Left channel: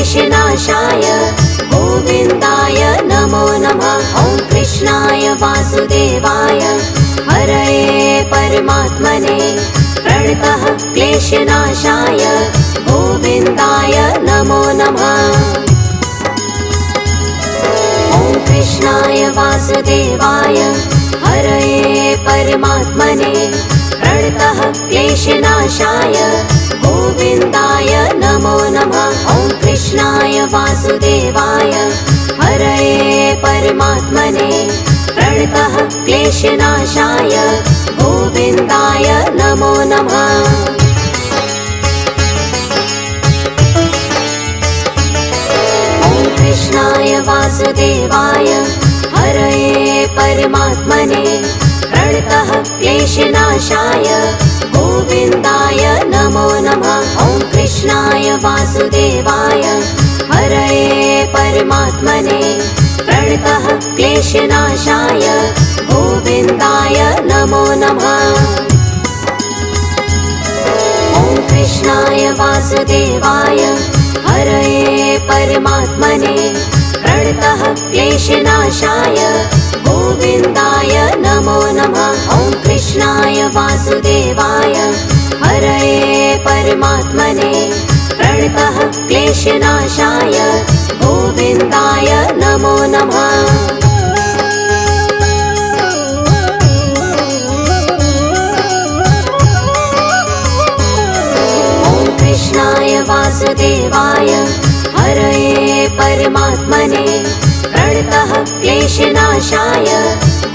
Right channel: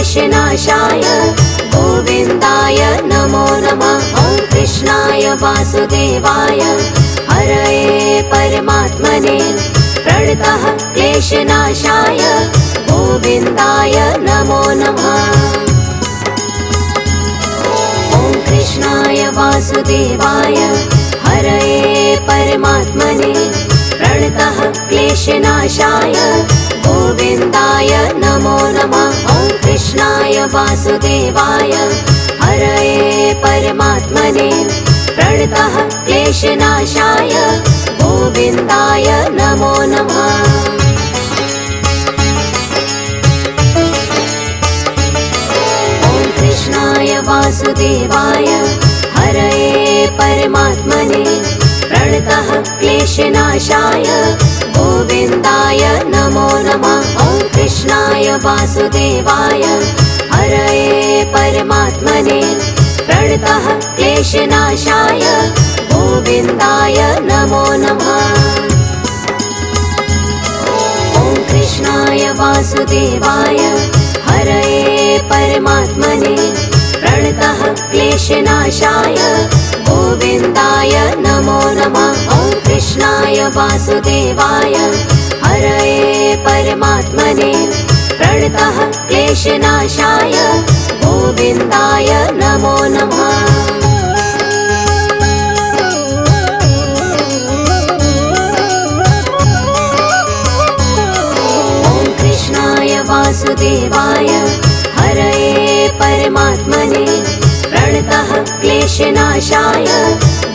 क्लेशनाशाय गोविन्दाय नमो नमः। ॐ कृष्णाय वासुदेवाय हरये परमात्मने प्रणतः क्लेशनाशाय गोविन्दाय नमो नमः। ॐ कृष्णाय वासुदेवाय हरये परमात्मने प्रणतः क्लेशनाशाय गोविन्दाय नमो नमः। ॐ कृष्णाय वासुदेवाय हरये परमात्मने प्रणतः क्लेशनाशाय गोविन्दाय नमो नमः। ॐ कृष्णाय वासुदेवाय हरये परमात्मने प्रणतः क्लेशनाशाय गोविन्दाय नमो नमः। ॐ कृष्णाय वासुदेवाय हरये परमात्मने प्रणतः क्लेशनाशाय गोविन्दाय नमो नमः। ॐ कृष्णाय वासुदेवाय हरये परमात्मने प्रणतः क्लेशनाशाय गोविन्दाय नमो नमः। ॐ कृष्णाय वासुदेवाय हरये परमात्मने प्रणतः क्लेशनाशाय गोविन्दाय नमो नमः। ॐ कृष्णाय वासुदेवाय हरये परमात्मने प्रणतः क्लेशनाशाय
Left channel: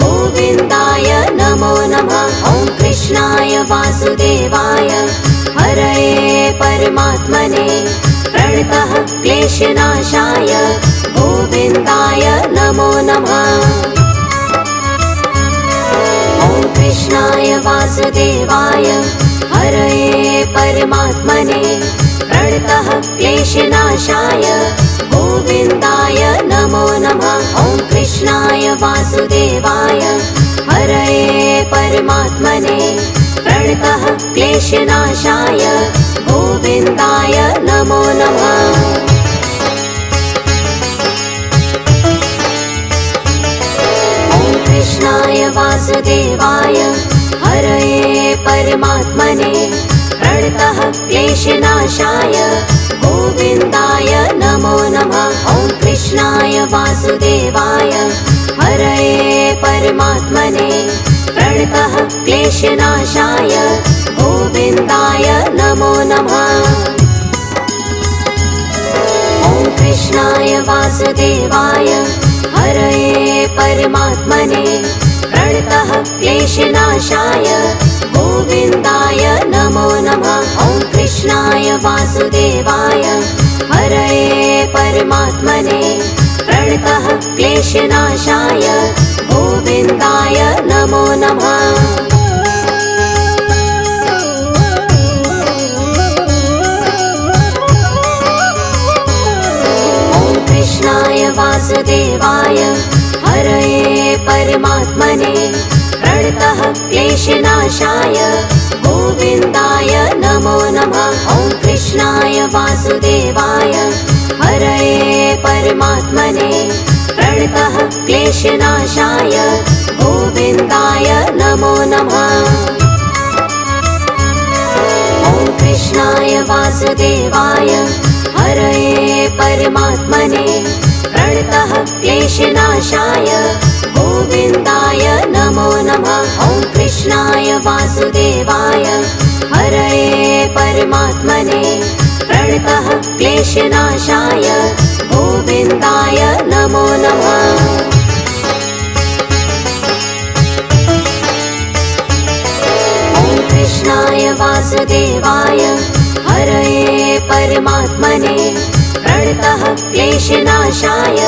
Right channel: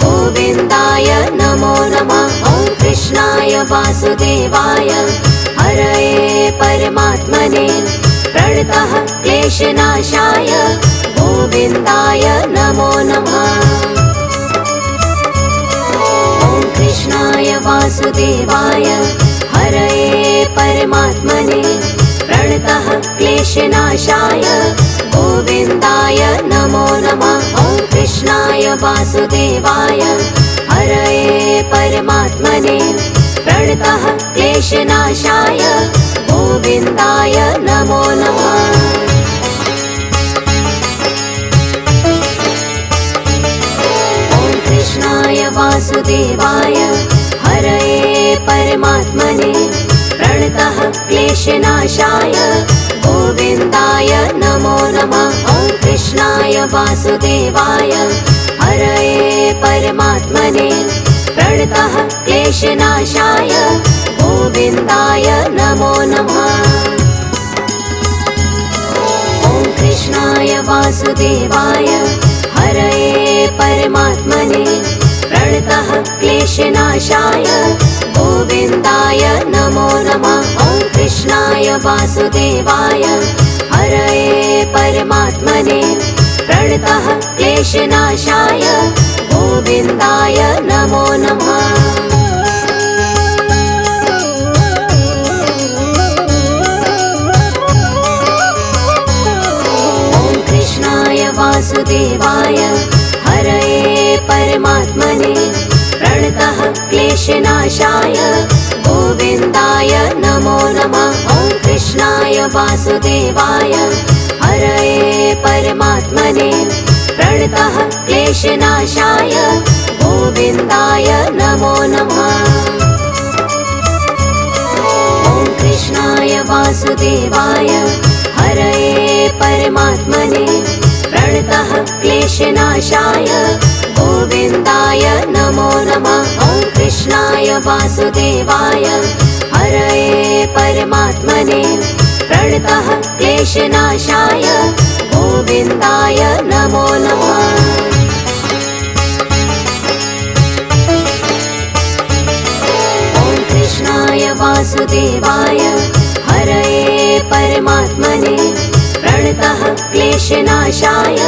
गोविन्दाय नमो नमः। ॐ कृष्णाय वासुदेवाय हरये परमात्मने प्रणतः क्लेशनाशाय गोविन्दाय नमो नमः। ॐ कृष्णाय वासुदेवाय हरये परमात्मने प्रणतः क्लेशनाशाय गोविन्दाय नमो नमः। ॐ कृष्णाय वासुदेवाय हरये परमात्मने प्रणतः क्लेशनाशाय गोविन्दाय नमो नमः। ॐ कृष्णाय वासुदेवाय हरये परमात्मने प्रणतः क्लेशनाशाय गोविन्दाय नमो नमः। ॐ कृष्णाय वासुदेवाय हरये परमात्मने प्रणतः क्लेशनाशाय गोविन्दाय नमो नमः। ॐ कृष्णाय वासुदेवाय हरये परमात्मने प्रणतः क्लेशनाशाय गोविन्दाय नमो नमः। ॐ कृष्णाय वासुदेवाय हरये परमात्मने प्रणतः क्लेशनाशाय गोविन्दाय नमो नमः। ॐ कृष्णाय वासुदेवाय हरये परमात्मने प्रणतः क्लेशनाशाय गोविन्दाय नमो नमः। ॐ कृष्णाय वासुदेवाय हरये परमात्मने प्रणतः क्लेशनाशाय गोविन्दाय नमो नमः। ॐ कृष्णाय वासुदेवाय हरये परमात्मने प्रणतः क्लेशनाशाय गोविन्दाय नमो नमः। ॐ कृष्णाय वासुदेवाय हरये परमात्मने प्रणतः क्लेशनाशाय गोविन्दाय नमो नमः। ॐ कृष्णाय वासुदेवाय हरये परमात्मने प्रणतः क्लेशनाशाय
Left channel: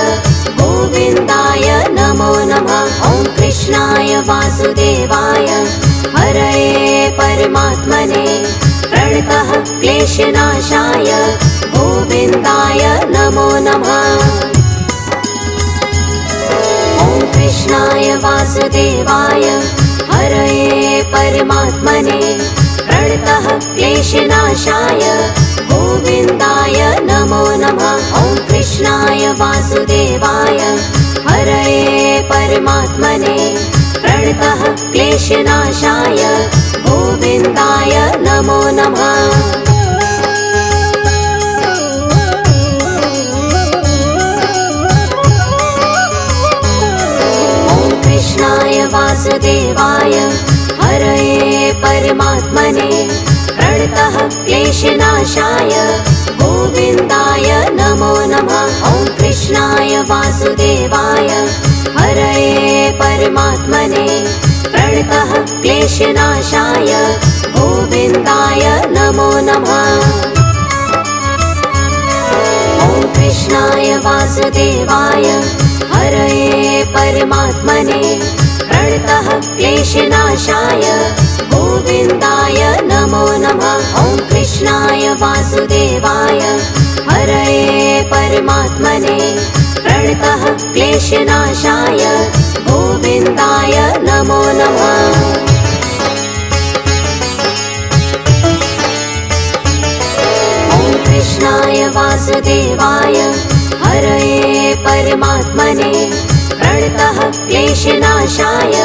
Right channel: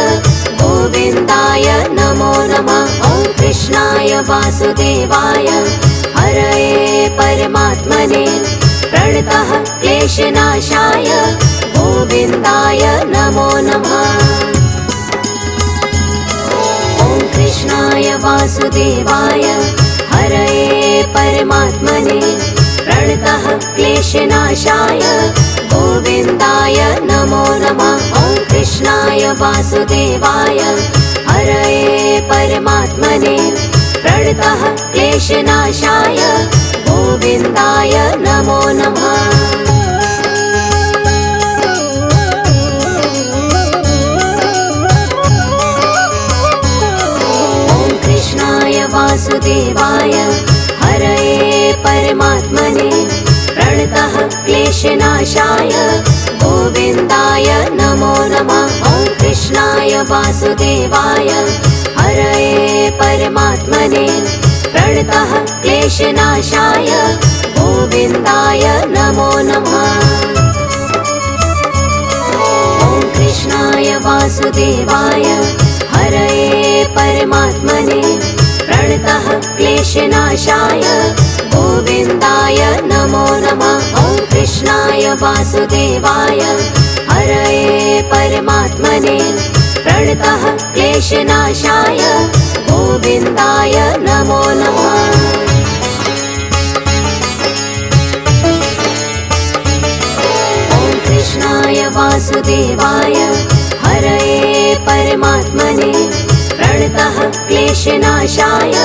गोविन्दाय नमो नमः। ॐ कृष्णाय वासुदेवाय हरये परमात्मने प्रणतः क्लेशनाशाय गोविन्दाय नमो नमः। ॐ कृष्णाय वासुदेवाय हरये परमात्मने प्रणतः क्लेशनाशाय गोविन्दाय नमो नमः। वासुदेवाय हरये परमात्मने प्रणतः क्लेशनाशाय गोविन्दाय नमो नमः। वासुदेवाय हरये परमात्मने प्रणतः क्लेशनाशाय गोविन्दाय नमो नमः। ॐ कृष्णाय वासुदेवाय हरये परमात्मने प्रणतः क्लेशनाशाय गोविन्दाय नमो नमः। ॐ कृष्णाय वासुदेवाय हरये परमात्मने प्रणतः क्लेशनाशाय गोविन्दाय नमो नमः। ॐ कृष्णाय वासुदेवाय हरये परमात्मने प्रणतः क्लेशनाशाय गोविन्दाय नमो नमः। ॐ कृष्णाय वासुदेवाय हरये परमात्मने प्रणतः क्लेशनाशाय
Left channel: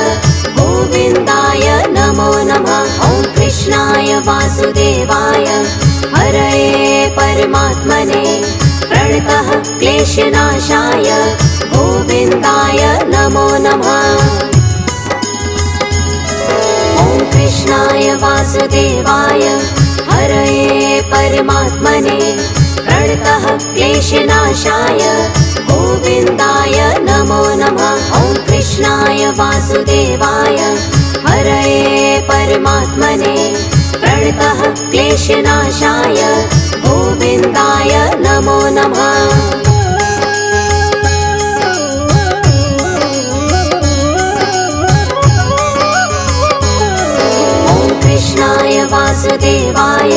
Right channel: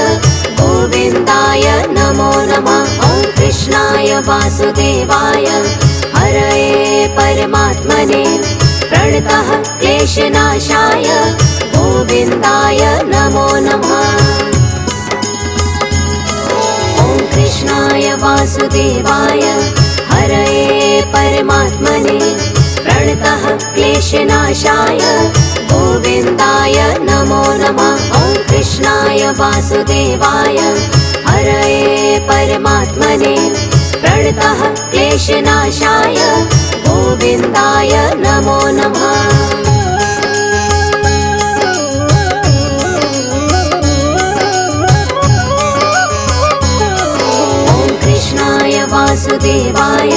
गोविन्दाय नमो नमः। ॐ कृष्णाय वासुदेवाय हरये परमात्मने प्रणतः क्लेशनाशाय गोविन्दाय नमो नमः। ॐ कृष्णाय वासुदेवाय हरये परमात्मने प्रणतः क्लेशनाशाय गोविन्दाय नमो नमः। ॐ कृष्णाय वासुदेवाय हरये परमात्मने प्रणतः क्लेशनाशाय गोविन्दाय नमो नमः। ॐ कृष्णाय वासुदेवाय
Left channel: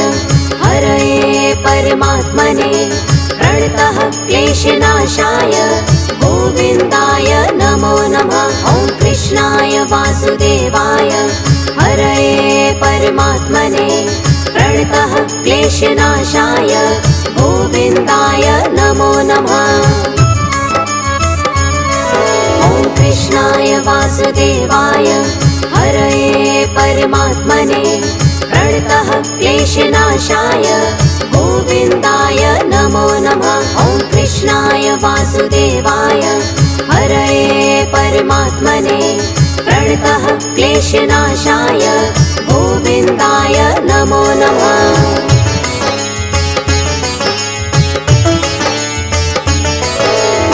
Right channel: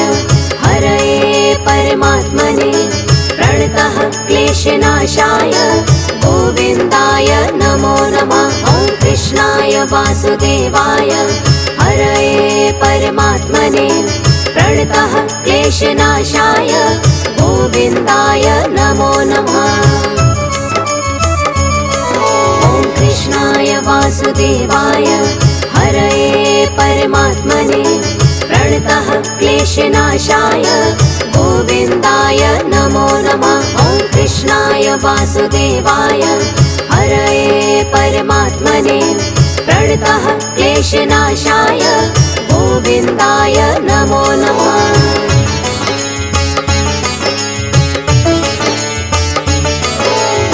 हरये परमात्मने प्रणतः क्लेशनाशाय गोविन्दाय नमो नमः। ॐ कृष्णाय वासुदेवाय हरये परमात्मने प्रणतः क्लेशनाशाय गोविन्दाय नमो नमः। ॐ कृष्णाय वासुदेवाय हरये परमात्मने प्रणतः क्लेशनाशाय गोविन्दाय नमो नमः। ॐ कृष्णाय वासुदेवाय हरये परमात्मने प्रणतः क्लेशनाशाय गोविन्दाय नमो नमः।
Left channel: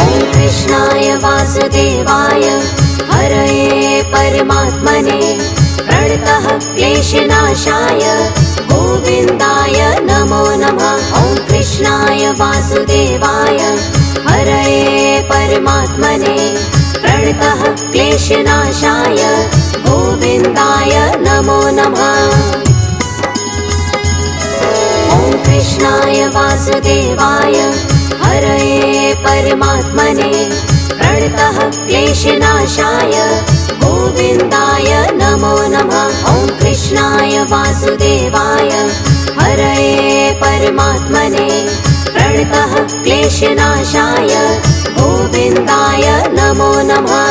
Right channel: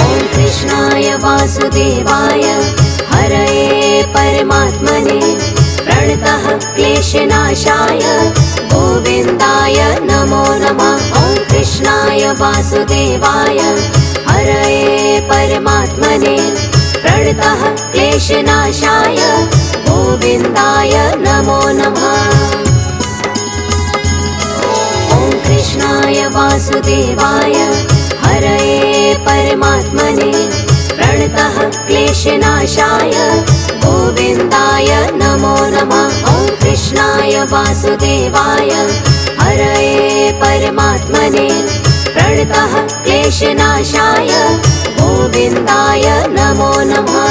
ॐ कृष्णाय वासुदेवाय हरये परमात्मने प्रणतः क्लेशनाशाय गोविन्दाय नमो नमः। ॐ कृष्णाय वासुदेवाय हरये परमात्मने प्रणतः क्लेशनाशाय गोविन्दाय नमो नमः। ॐ कृष्णाय वासुदेवाय हरये परमात्मने प्रणतः क्लेशनाशाय गोविन्दाय नमो नमः। ॐ कृष्णाय वासुदेवाय हरये परमात्मने प्रणतः क्लेशनाशाय गोविन्दाय नमो नमः।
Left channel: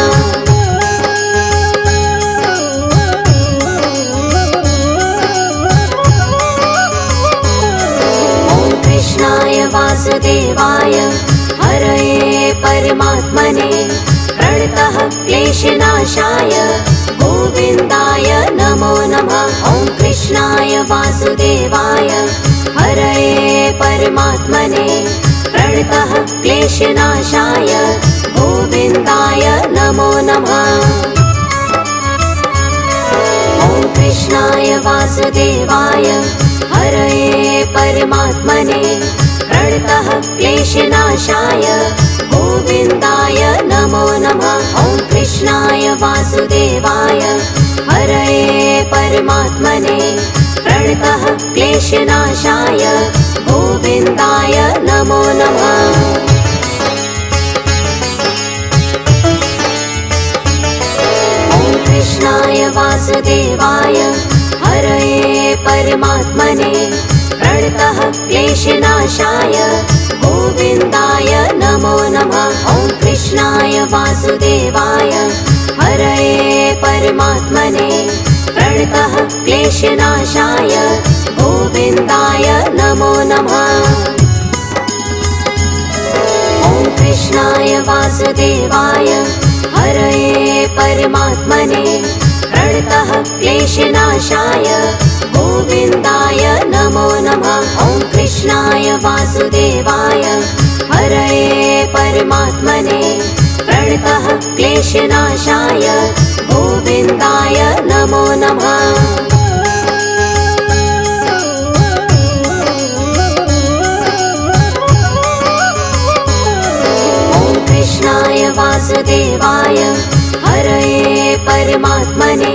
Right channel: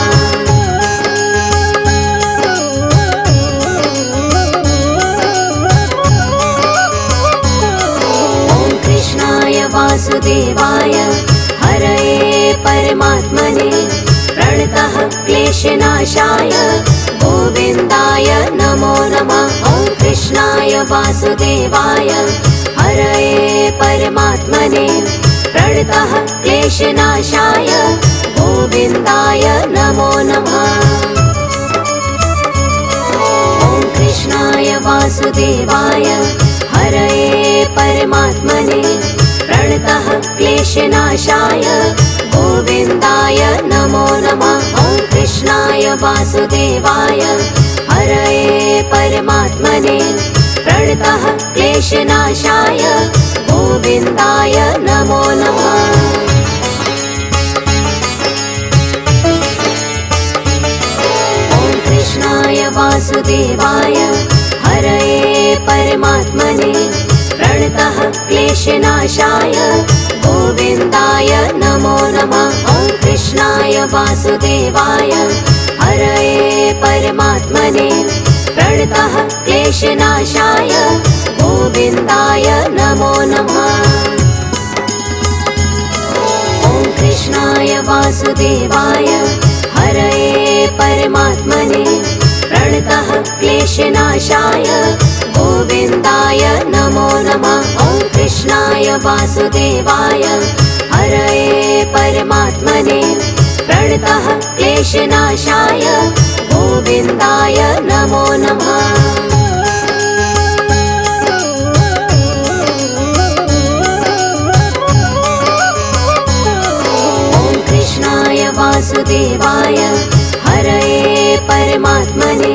ॐ कृष्णाय वासुदेवाय हरये परमात्मने प्रणतः क्लेशनाशाय गोविन्दाय नमो नमः। ॐ कृष्णाय वासुदेवाय हरये परमात्मने प्रणतः क्लेशनाशाय गोविन्दाय नमो नमः। ॐ कृष्णाय वासुदेवाय हरये परमात्मने प्रणतः क्लेशनाशाय गोविन्दाय नमो नमः। ॐ कृष्णाय वासुदेवाय हरये परमात्मने प्रणतः क्लेशनाशाय गोविन्दाय नमो नमः। ॐ कृष्णाय वासुदेवाय हरये परमात्मने प्रणतः क्लेशनाशाय गोविन्दाय नमो नमः। वासुदेवाय हरये परमात्मने प्रणतः क्लेशनाशाय गोविन्दाय नमो नमः। ॐ कृष्णाय वासुदेवाय हरये परमात्मने प्रणतः क्लेशनाशाय गोविन्दाय नमो नमः। ॐ कृष्णाय वासुदेवाय हरये परमात्मने प्रणतः क्लेशनाशाय गोविन्दाय नमो नमः। ॐ कृष्णाय वासुदेवाय हरये परमात्मने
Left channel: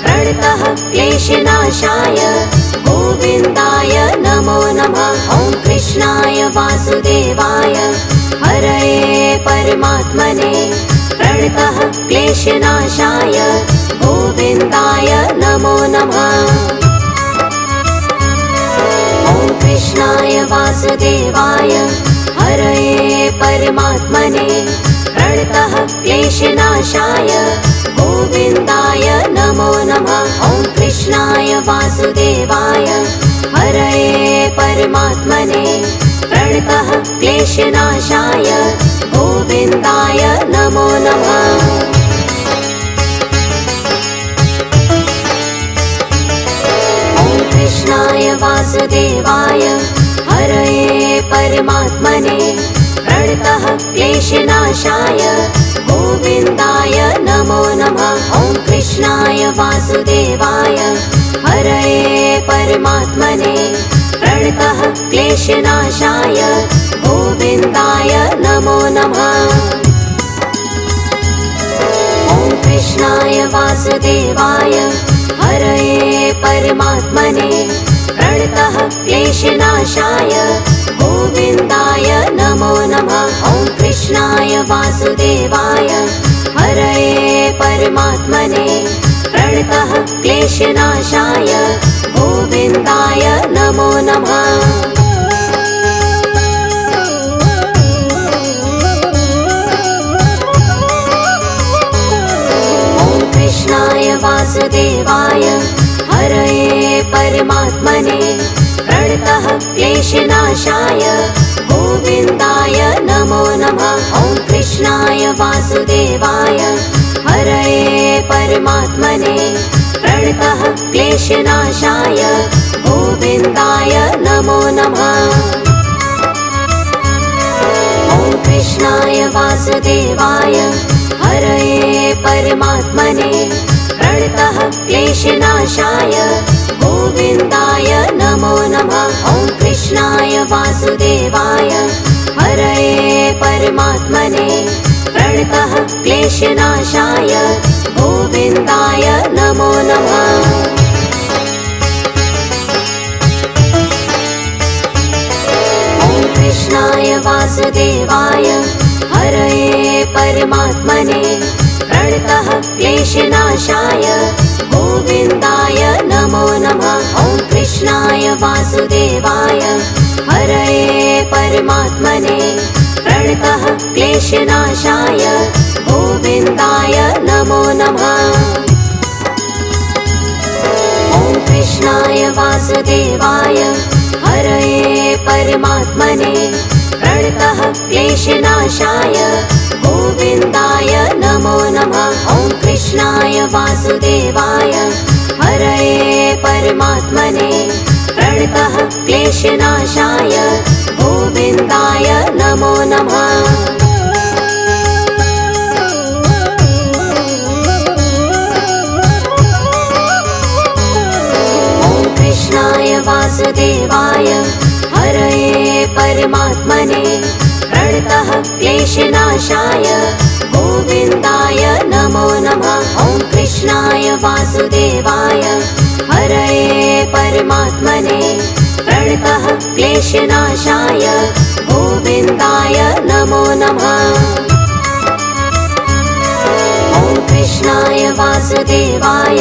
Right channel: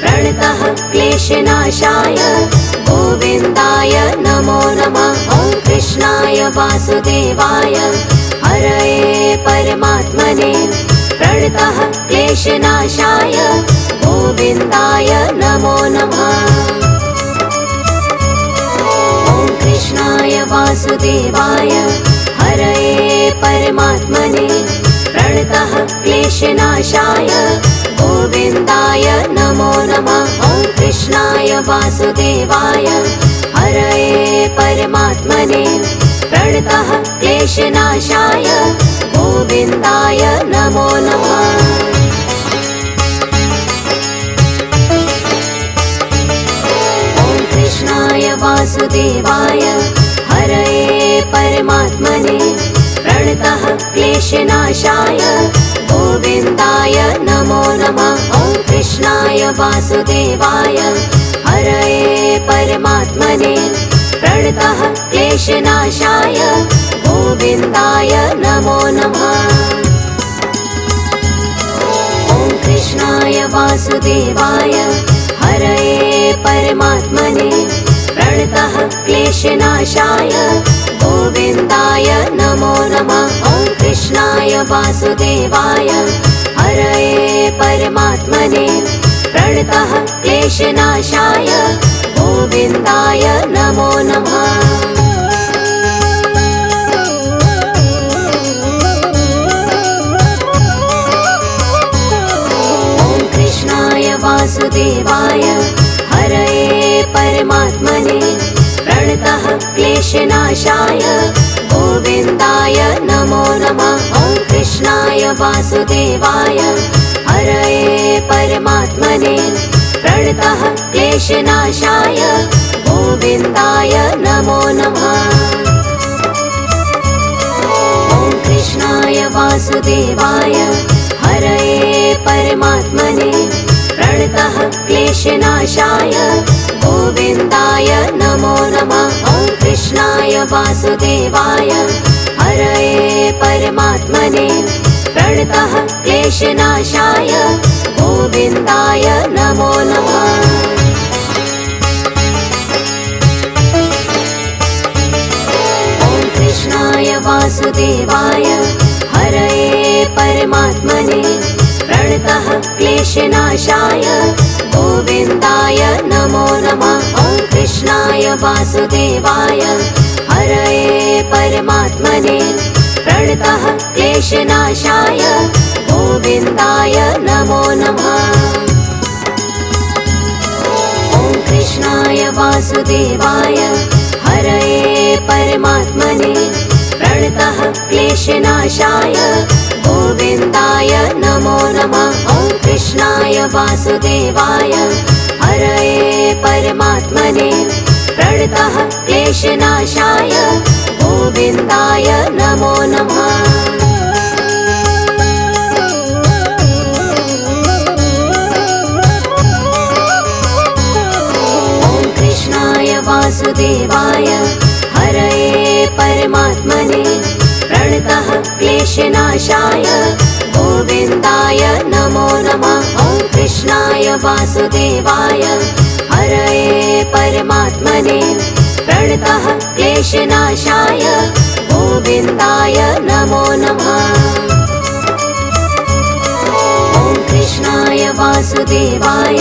प्रणतः क्लेशनाशाय गोविन्दाय नमो नमः। ॐ कृष्णाय वासुदेवाय हरये परमात्मने प्रणतः क्लेशनाशाय गोविन्दाय नमो नमः। ॐ कृष्णाय वासुदेवाय हरये परमात्मने प्रणतः क्लेशनाशाय गोविन्दाय नमो नमः। ॐ कृष्णाय वासुदेवाय हरये परमात्मने प्रणतः क्लेशनाशाय गोविन्दाय नमो नमः। ॐ कृष्णाय वासुदेवाय हरये परमात्मने प्रणतः क्लेशनाशाय गोविन्दाय नमो नमः। ॐ कृष्णाय वासुदेवाय हरये परमात्मने प्रणतः क्लेशनाशाय गोविन्दाय नमो नमः। ॐ कृष्णाय वासुदेवाय हरये परमात्मने प्रणतः क्लेशनाशाय गोविन्दाय नमो नमः। ॐ कृष्णाय वासुदेवाय हरये परमात्मने प्रणतः क्लेशनाशाय गोविन्दाय नमो नमः। ॐ कृष्णाय वासुदेवाय हरये परमात्मने प्रणतः क्लेशनाशाय गोविन्दाय नमो नमः। ॐ कृष्णाय वासुदेवाय हरये परमात्मने प्रणतः क्लेशनाशाय गोविन्दाय नमो नमः। ॐ कृष्णाय वासुदेवाय हरये परमात्मने प्रणतः क्लेशनाशाय गोविन्दाय नमो नमः। ॐ कृष्णाय वासुदेवाय हरये परमात्मने प्रणतः क्लेशनाशाय गोविन्दाय नमो नमः। ॐ कृष्णाय वासुदेवाय हरये परमात्मने प्रणतः क्लेशनाशाय गोविन्दाय नमो नमः। ॐ कृष्णाय वासुदेवाय हरये परमात्मने प्रणतः क्लेशनाशाय गोविन्दाय नमो नमः। ॐ कृष्णाय वासुदेवाय हरये परमात्मने प्रणतः क्लेशनाशाय गोविन्दाय नमो नमः। ॐ कृष्णाय वासुदेवाय हरये परमात्मने प्रणतः क्लेशनाशाय गोविन्दाय नमो नमः। ॐ कृष्णाय वासुदेवाय हरये परमात्मने प्रणतः क्लेशनाशाय गोविन्दाय नमो नमः। ॐ कृष्णाय वासुदेवाय हरये परमात्मने प्रणतः क्लेशनाशाय गोविन्दाय नमो नमः। ॐ कृष्णाय वासुदेवाय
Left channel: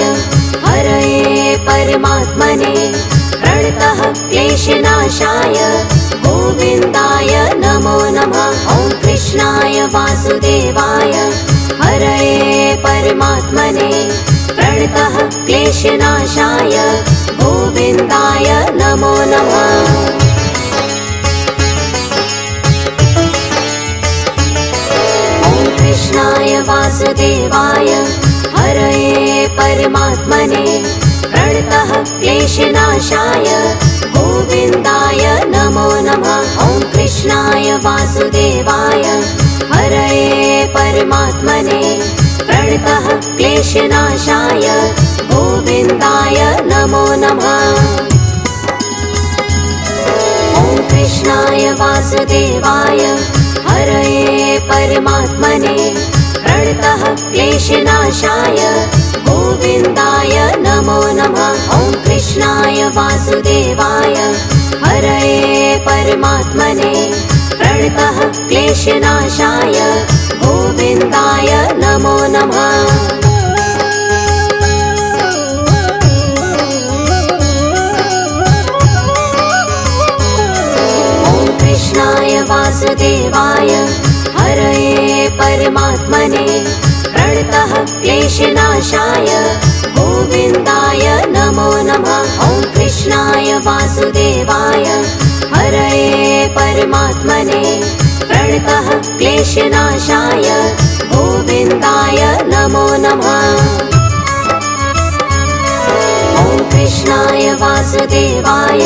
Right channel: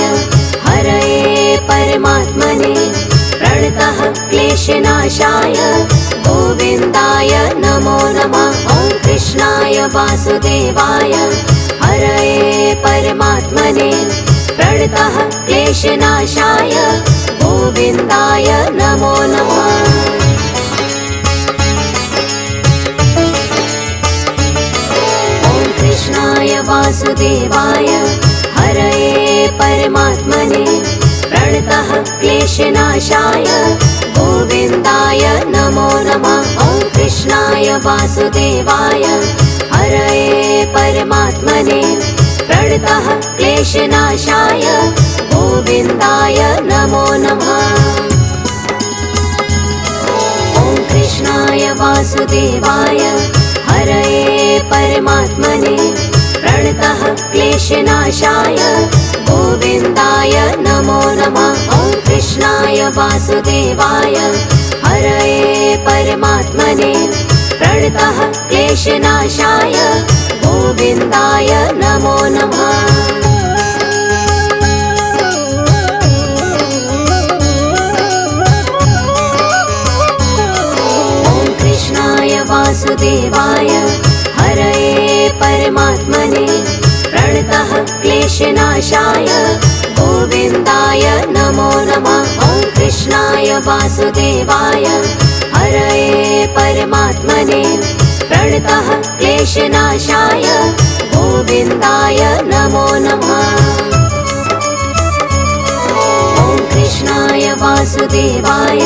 हरये परमात्मने प्रणतः क्लेशनाशाय गोविन्दाय नमो नमः। ॐ कृष्णाय वासुदेवाय क्लेशनाशाय गोविन्दाय नमो नमः। कृष्णाय वासुदेवाय हरये परमात्मने प्रणतः क्लेशनाशाय गोविन्दाय नमो नमः। ॐ कृष्णाय वासुदेवाय हरये परमात्मने प्रणतः क्लेशनाशाय गोविन्दाय नमो नमः। ॐ कृष्णाय वासुदेवाय हरये परमात्मने प्रणतः क्लेशनाशाय गोविन्दाय नमो नमः। ॐ कृष्णाय वासुदेवाय हरये परमात्मने प्रणतः क्लेशनाशाय गोविन्दाय नमो नमः। वासुदेवाय हरये परमात्मने प्रणतः क्लेशनाशाय गोविन्दाय नमो नमः। ॐ कृष्णाय वासुदेवाय हरये परमात्मने प्रणतः क्लेशनाशाय गोविन्दाय नमो नमः। ॐ कृष्णाय वासुदेवाय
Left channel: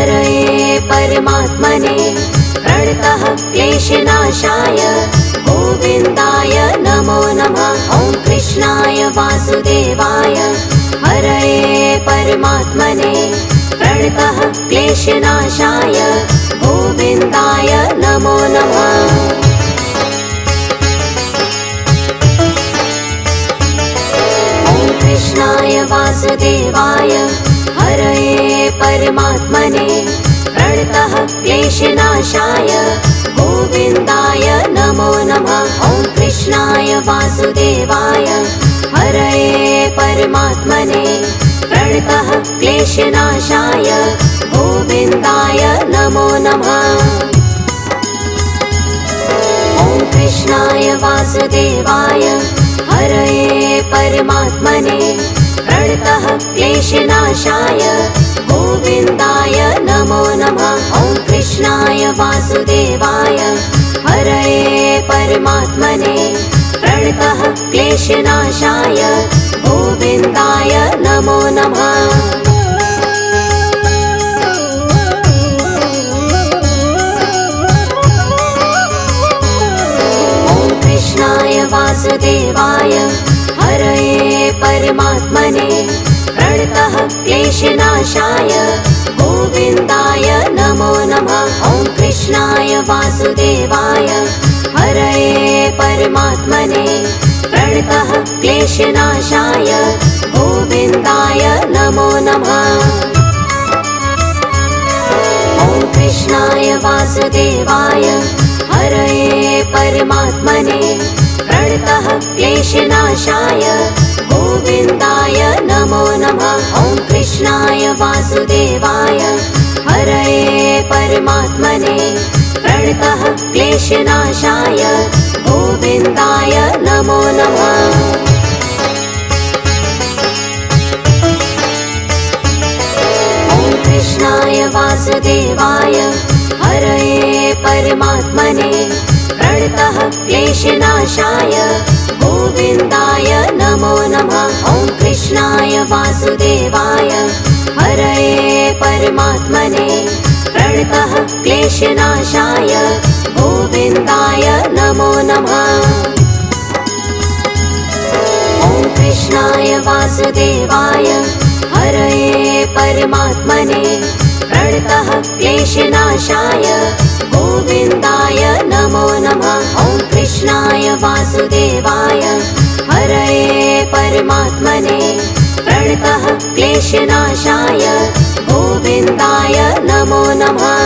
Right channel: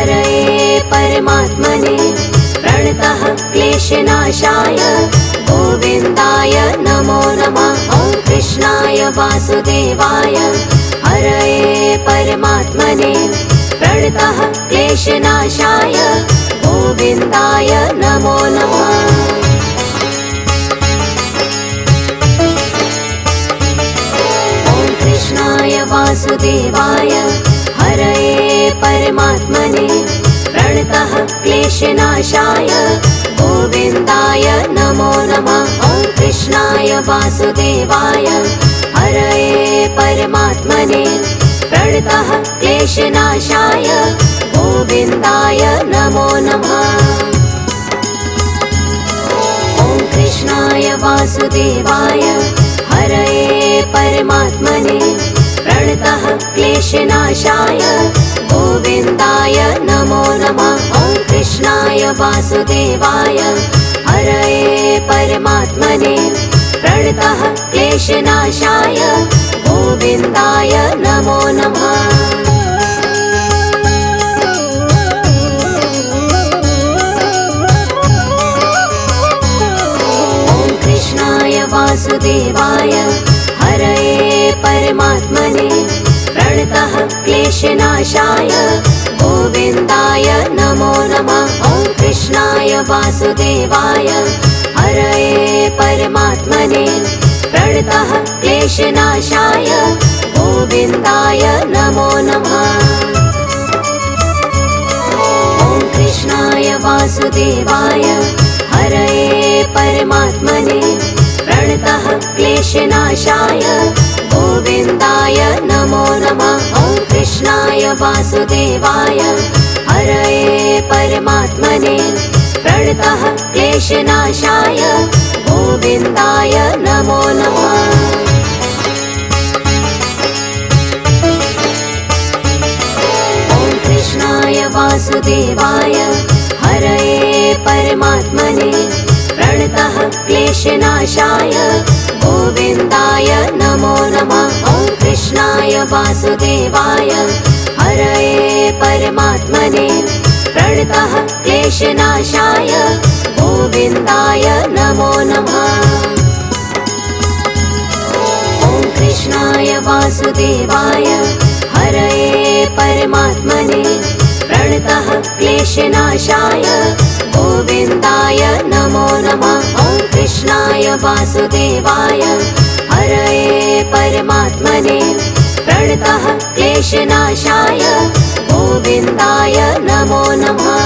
हरये परमात्मने प्रणतः क्लेशनाशाय गोविन्दाय नमो नमः। ॐ कृष्णाय वासुदेवाय हरये परमात्मने प्रणतः क्लेशनाशाय गोविन्दाय नमो नमः। ॐ कृष्णाय वासुदेवाय हरये परमात्मने प्रणतः क्लेशनाशाय गोविन्दाय नमो नमः। ॐ कृष्णाय वासुदेवाय हरये परमात्मने प्रणतः क्लेशनाशाय गोविन्दाय नमो नमः। ॐ कृष्णाय वासुदेवाय हरये परमात्मने प्रणतः क्लेशनाशाय गोविन्दाय नमो नमः। ॐ कृष्णाय वासुदेवाय हरये परमात्मने प्रणतः क्लेशनाशाय गोविन्दाय नमो नमः। ॐ कृष्णाय वासुदेवाय हरये परमात्मने प्रणतः क्लेशनाशाय गोविन्दाय नमो नमः। ॐ कृष्णाय वासुदेवाय हरये परमात्मने प्रणतः क्लेशनाशाय गोविन्दाय नमो नमः। ॐ कृष्णाय वासुदेवाय हरये परमात्मने प्रणतः क्लेशनाशाय गोविन्दाय नमो नमः। ॐ कृष्णाय वासुदेवाय हरये परमात्मने प्रणतः क्लेशनाशाय गोविन्दाय नमो नमः। ॐ कृष्णाय वासुदेवाय हरये परमात्मने प्रणतः क्लेशनाशाय गोविन्दाय नमो नमः। ॐ कृष्णाय वासुदेवाय हरये परमात्मने प्रणतः क्लेशनाशाय गोविन्दाय नमो नमः। ॐ कृष्णाय वासुदेवाय हरये परमात्मने प्रणतः क्लेशनाशाय गोविन्दाय नमो नमः। ॐ कृष्णाय वासुदेवाय हरये परमात्मने प्रणतः क्लेशनाशाय गोविन्दाय नमो नमः।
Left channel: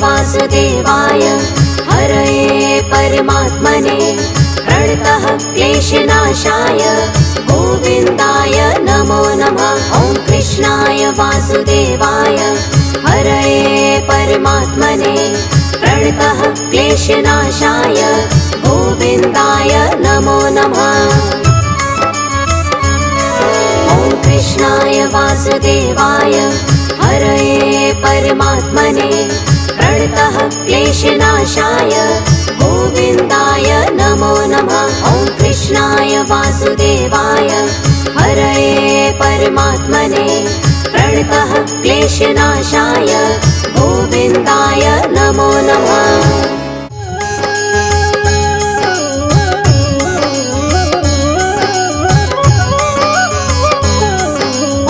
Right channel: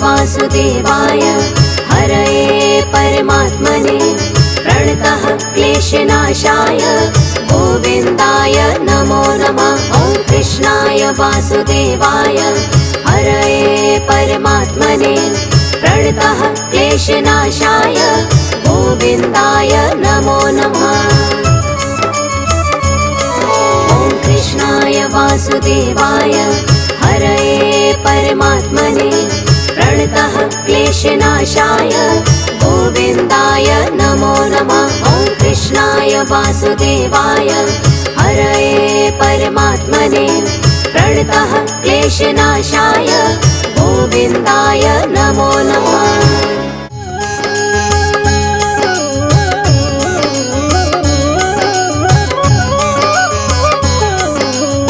वासुदेवाय हरये परमात्मने प्रणतः क्लेशनाशाय गोविन्दाय नमो नमः। ॐ कृष्णाय वासुदेवाय हरये परमात्मने प्रणतः क्लेशनाशाय गोविन्दाय नमो नमः। ॐ कृष्णाय वासुदेवाय हरये परमात्मने प्रणतः क्लेशनाशाय गोविन्दाय नमो नमः। ॐ कृष्णाय वासुदेवाय हरये परमात्मने प्रणतः क्लेशनाशाय गोविन्दाय नमो नमः।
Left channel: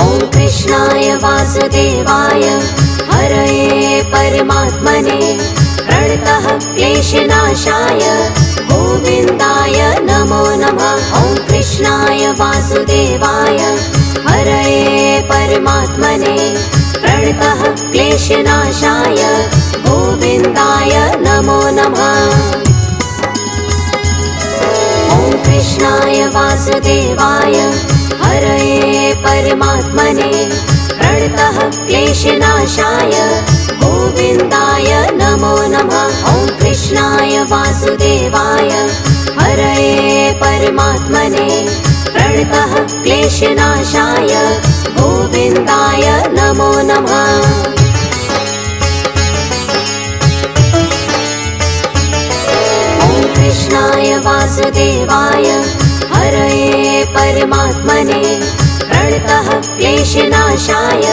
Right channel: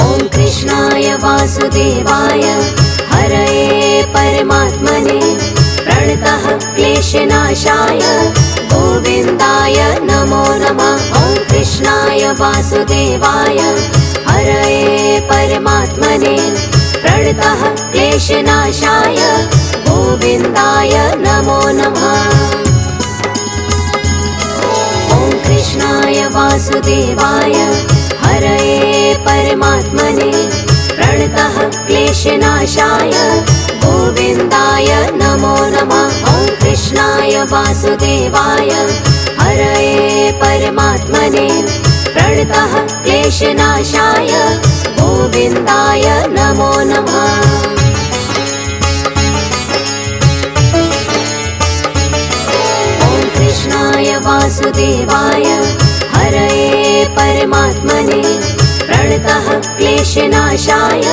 ॐ कृष्णाय वासुदेवाय हरये परमात्मने प्रणतः क्लेशनाशाय गोविन्दाय नमो नमः। ॐ कृष्णाय वासुदेवाय हरये परमात्मने प्रणतः क्लेशनाशाय गोविन्दाय नमो नमः। ॐ कृष्णाय वासुदेवाय हरये परमात्मने प्रणतः क्लेशनाशाय गोविन्दाय नमो नमः। ॐ कृष्णाय वासुदेवाय हरये परमात्मने प्रणतः क्लेशनाशाय गोविन्दाय नमो नमः। ॐ कृष्णाय वासुदेवाय हरये परमात्मने प्रणतः क्लेशनाशाय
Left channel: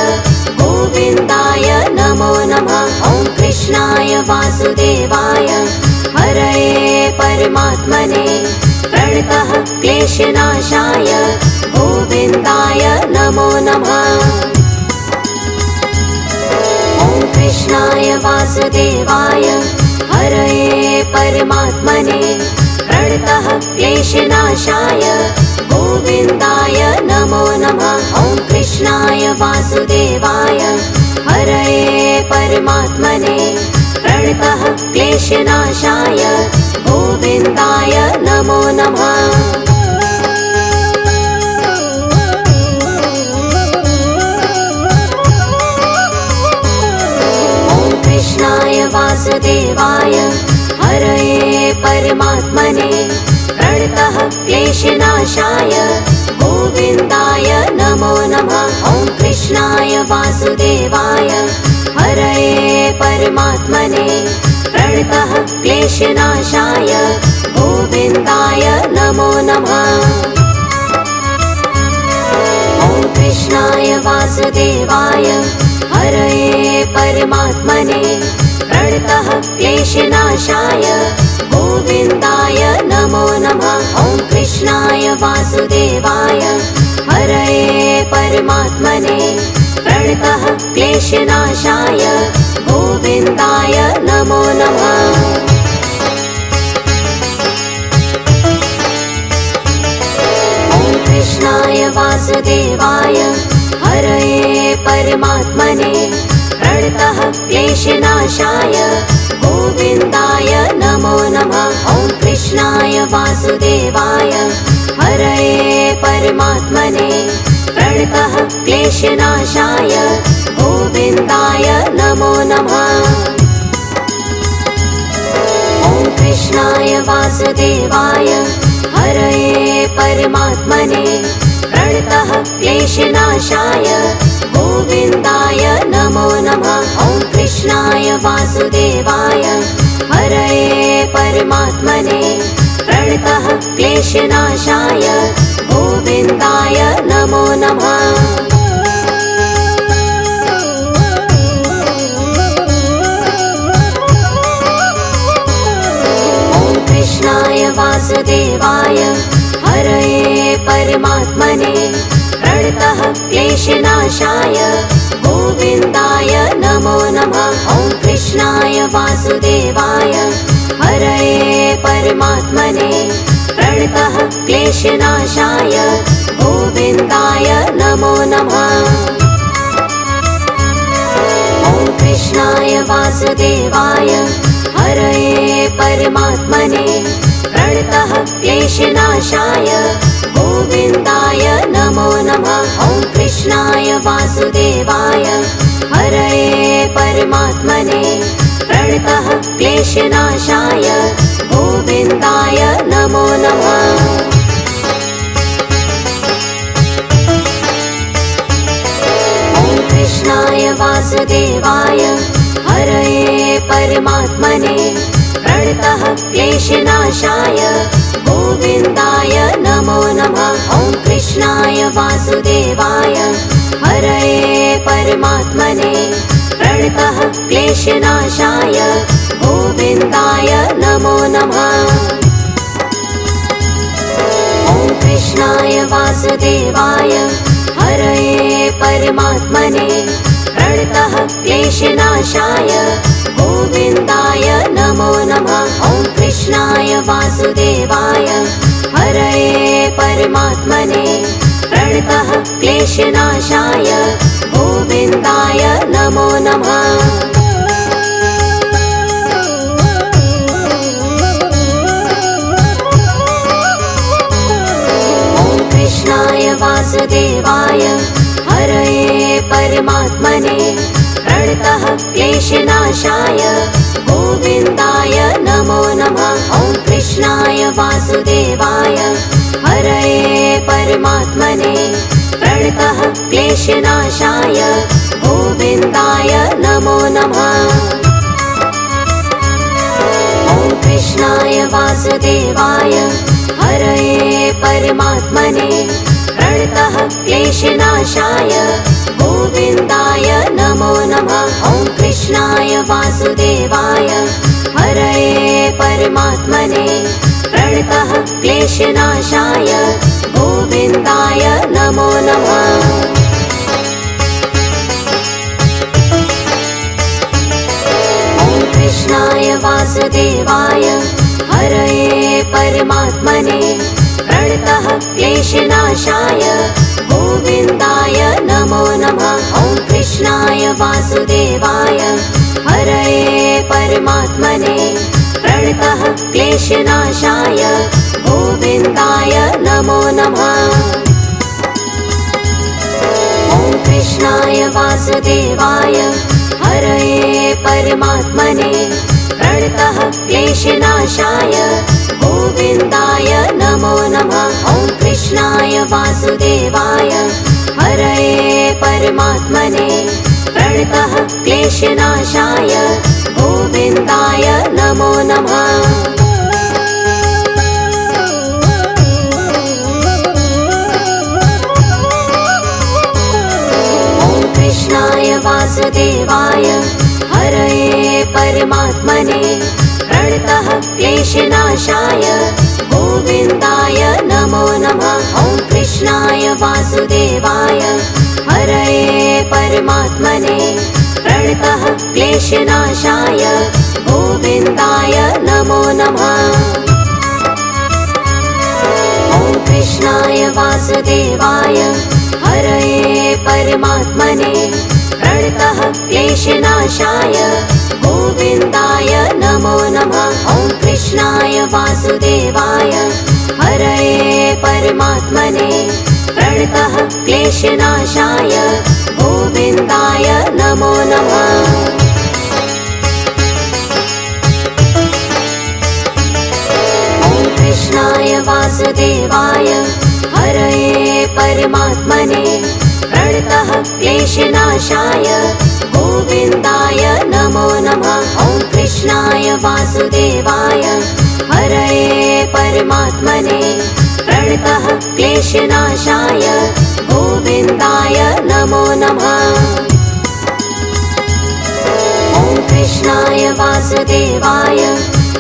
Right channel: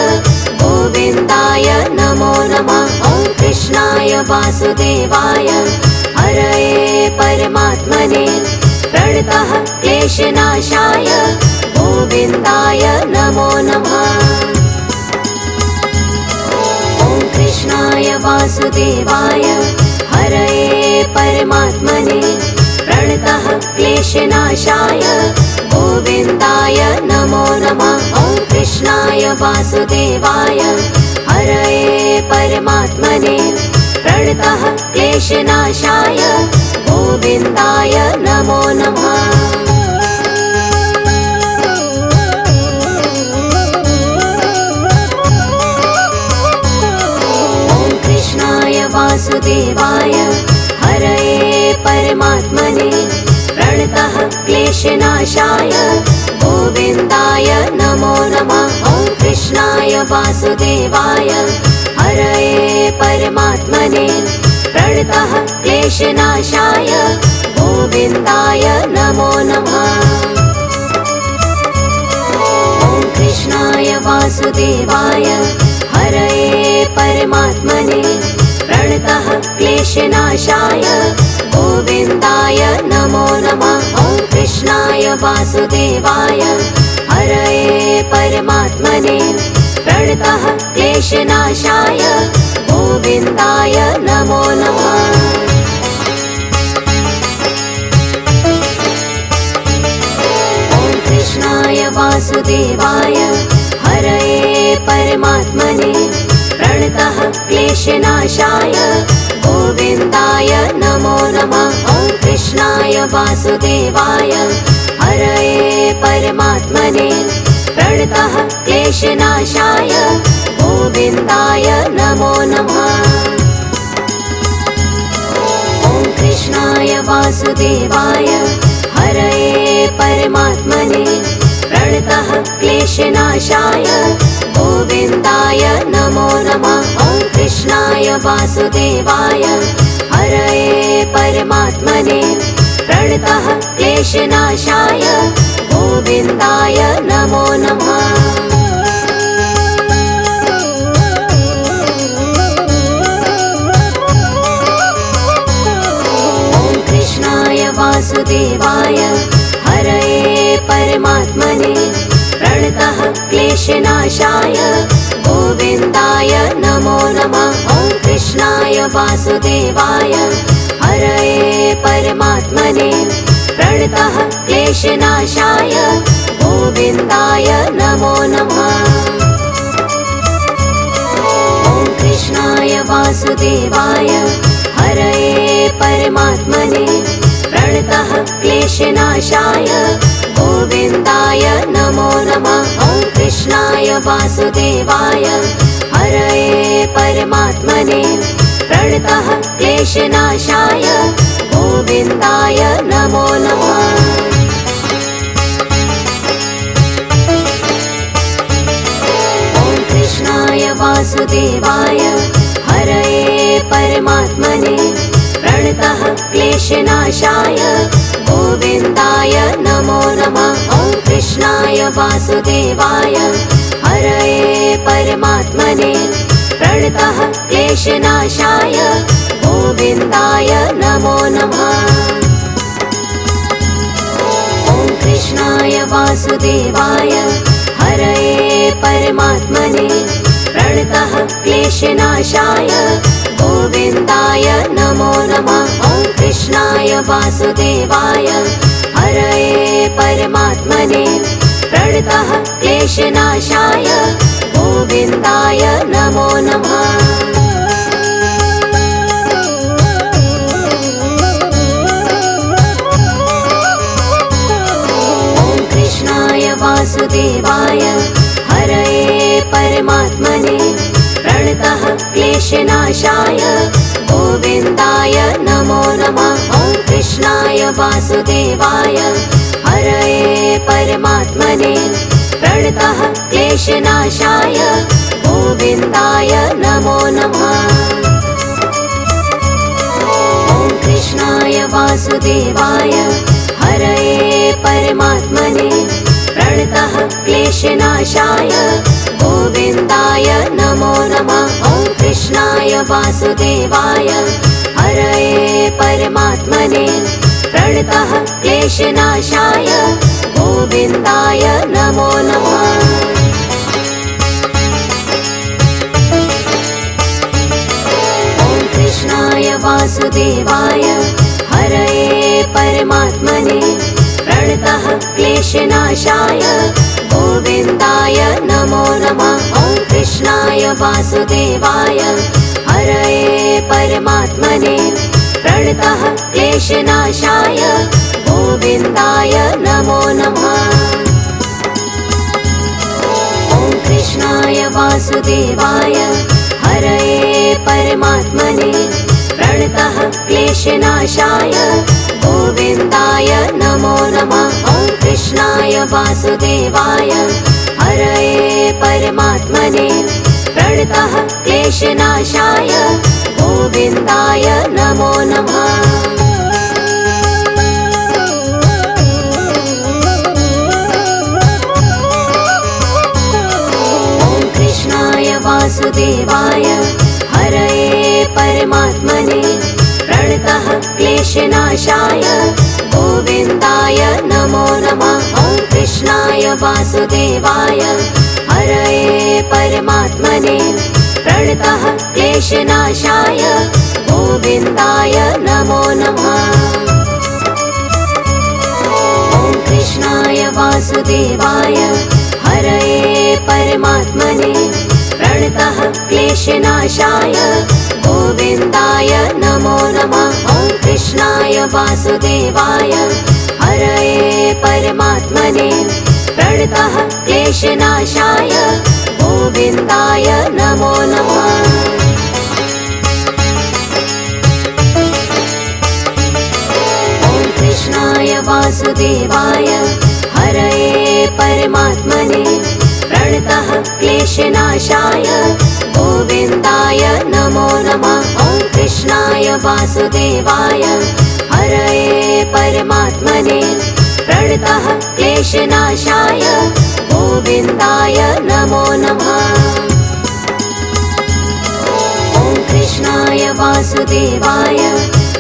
गोविन्दाय नमो नमः। ॐ कृष्णाय वासुदेवाय हरये परमात्मने प्रणतः क्लेशनाशाय गोविन्दाय नमो नमः। ॐ कृष्णाय वासुदेवाय हरये परमात्मने प्रणतः क्लेशनाशाय गोविन्दाय नमो नमः। ॐ कृष्णाय वासुदेवाय हरये परमात्मने प्रणतः क्लेशनाशाय गोविन्दाय नमो नमः। ॐ कृष्णाय वासुदेवाय हरये परमात्मने प्रणतः क्लेशनाशाय गोविन्दाय नमो नमः। ॐ कृष्णाय वासुदेवाय हरये परमात्मने प्रणतः क्लेशनाशाय गोविन्दाय नमो नमः। ॐ कृष्णाय वासुदेवाय हरये परमात्मने प्रणतः क्लेशनाशाय गोविन्दाय नमो नमः। ॐ कृष्णाय वासुदेवाय हरये परमात्मने प्रणतः क्लेशनाशाय गोविन्दाय नमो नमः। ॐ कृष्णाय वासुदेवाय हरये परमात्मने प्रणतः क्लेशनाशाय गोविन्दाय नमो नमः। ॐ कृष्णाय वासुदेवाय हरये परमात्मने प्रणतः क्लेशनाशाय गोविन्दाय नमो नमः। ॐ कृष्णाय वासुदेवाय हरये परमात्मने प्रणतः क्लेशनाशाय गोविन्दाय नमो नमः। ॐ कृष्णाय वासुदेवाय हरये परमात्मने प्रणतः क्लेशनाशाय गोविन्दाय नमो नमः। ॐ कृष्णाय वासुदेवाय हरये परमात्मने प्रणतः क्लेशनाशाय गोविन्दाय नमो नमः। ॐ कृष्णाय वासुदेवाय हरये परमात्मने प्रणतः क्लेशनाशाय गोविन्दाय नमो नमः। ॐ कृष्णाय वासुदेवाय हरये परमात्मने प्रणतः क्लेशनाशाय गोविन्दाय नमो नमः। ॐ कृष्णाय वासुदेवाय हरये परमात्मने परमात्मने प्रणतः क्लेशनाशाय गोविन्दाय नमो नमः। ॐ कृष्णाय वासुदेवाय हरये परमात्मने प्रणतः क्लेशनाशाय गोविन्दाय नमो नमः। ॐ कृष्णाय वासुदेवाय हरये परमात्मने प्रणतः क्लेशनाशाय गोविन्दाय नमो नमः। ॐ कृष्णाय वासुदेवाय हरये परमात्मने प्रणतः क्लेशनाशाय गोविन्दाय नमो नमः। ॐ कृष्णाय वासुदेवाय हरये परमात्मने प्रणतः क्लेशनाशाय गोविन्दाय नमो नमः। ॐ कृष्णाय वासुदेवाय हरये परमात्मने प्रणतः क्लेशनाशाय गोविन्दाय नमो नमः। ॐ कृष्णाय वासुदेवाय हरये परमात्मने प्रणतः क्लेशनाशाय गोविन्दाय नमो नमः। ॐ कृष्णाय वासुदेवाय हरये परमात्मने प्रणतः क्लेशनाशाय गोविन्दाय नमो नमः। ॐ कृष्णाय वासुदेवाय हरये परमात्मने प्रणतः क्लेशनाशाय गोविन्दाय नमो नमः। ॐ कृष्णाय वासुदेवाय हरये परमात्मने प्रणतः क्लेशनाशाय गोविन्दाय नमो नमः। ॐ कृष्णाय वासुदेवाय हरये परमात्मने प्रणतः क्लेशनाशाय गोविन्दाय नमो नमः। ॐ कृष्णाय वासुदेवाय हरये परमात्मने प्रणतः क्लेशनाशाय गोविन्दाय नमो नमः। ॐ कृष्णाय वासुदेवाय हरये परमात्मने प्रणतः क्लेशनाशाय गोविन्दाय नमो नमः। ॐ कृष्णाय वासुदेवाय हरये परमात्मने प्रणतः क्लेशनाशाय गोविन्दाय नमो नमः। ॐ कृष्णाय वासुदेवाय हरये परमात्मने प्रणतः क्लेशनाशाय गोविन्दाय नमो नमः। ॐ कृष्णाय वासुदेवाय हरये परमात्मने प्रणतः क्लेशनाशाय गोविन्दाय नमो नमः। ॐ कृष्णाय वासुदेवाय हरये परमात्मने प्रणतः क्लेशनाशाय गोविन्दाय नमो नमः। ॐ कृष्णाय वासुदेवाय हरये परमात्मने प्रणतः क्लेशनाशाय गोविन्दाय नमो नमः। ॐ कृष्णाय वासुदेवाय हरये परमात्मने प्रणतः क्लेशनाशाय गोविन्दाय नमो नमः। ॐ कृष्णाय वासुदेवाय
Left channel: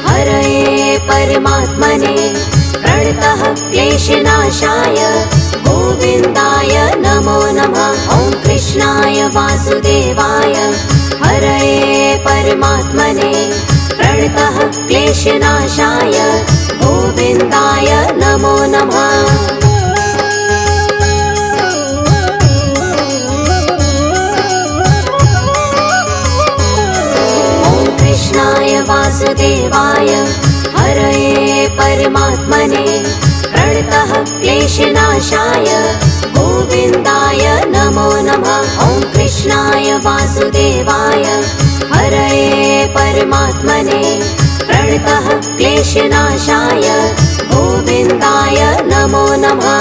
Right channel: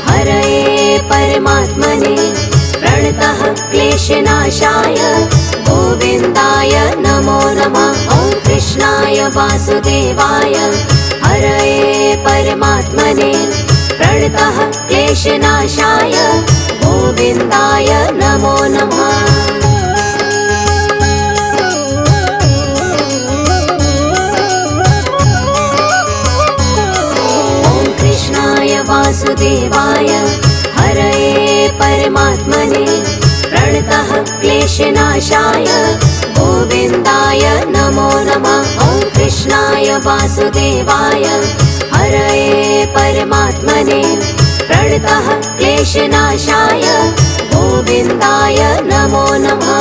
हरये परमात्मने प्रणतः क्लेशनाशाय गोविन्दाय नमो नमः। ॐ कृष्णाय वासुदेवाय हरये परमात्मने प्रणतः क्लेशनाशाय गोविन्दाय नमो नमः। ॐ कृष्णाय वासुदेवाय हरये परमात्मने प्रणतः क्लेशनाशाय गोविन्दाय नमो नमः। ॐ कृष्णाय वासुदेवाय हरये परमात्मने प्रणतः क्लेशनाशाय गोविन्दाय नमो नमः।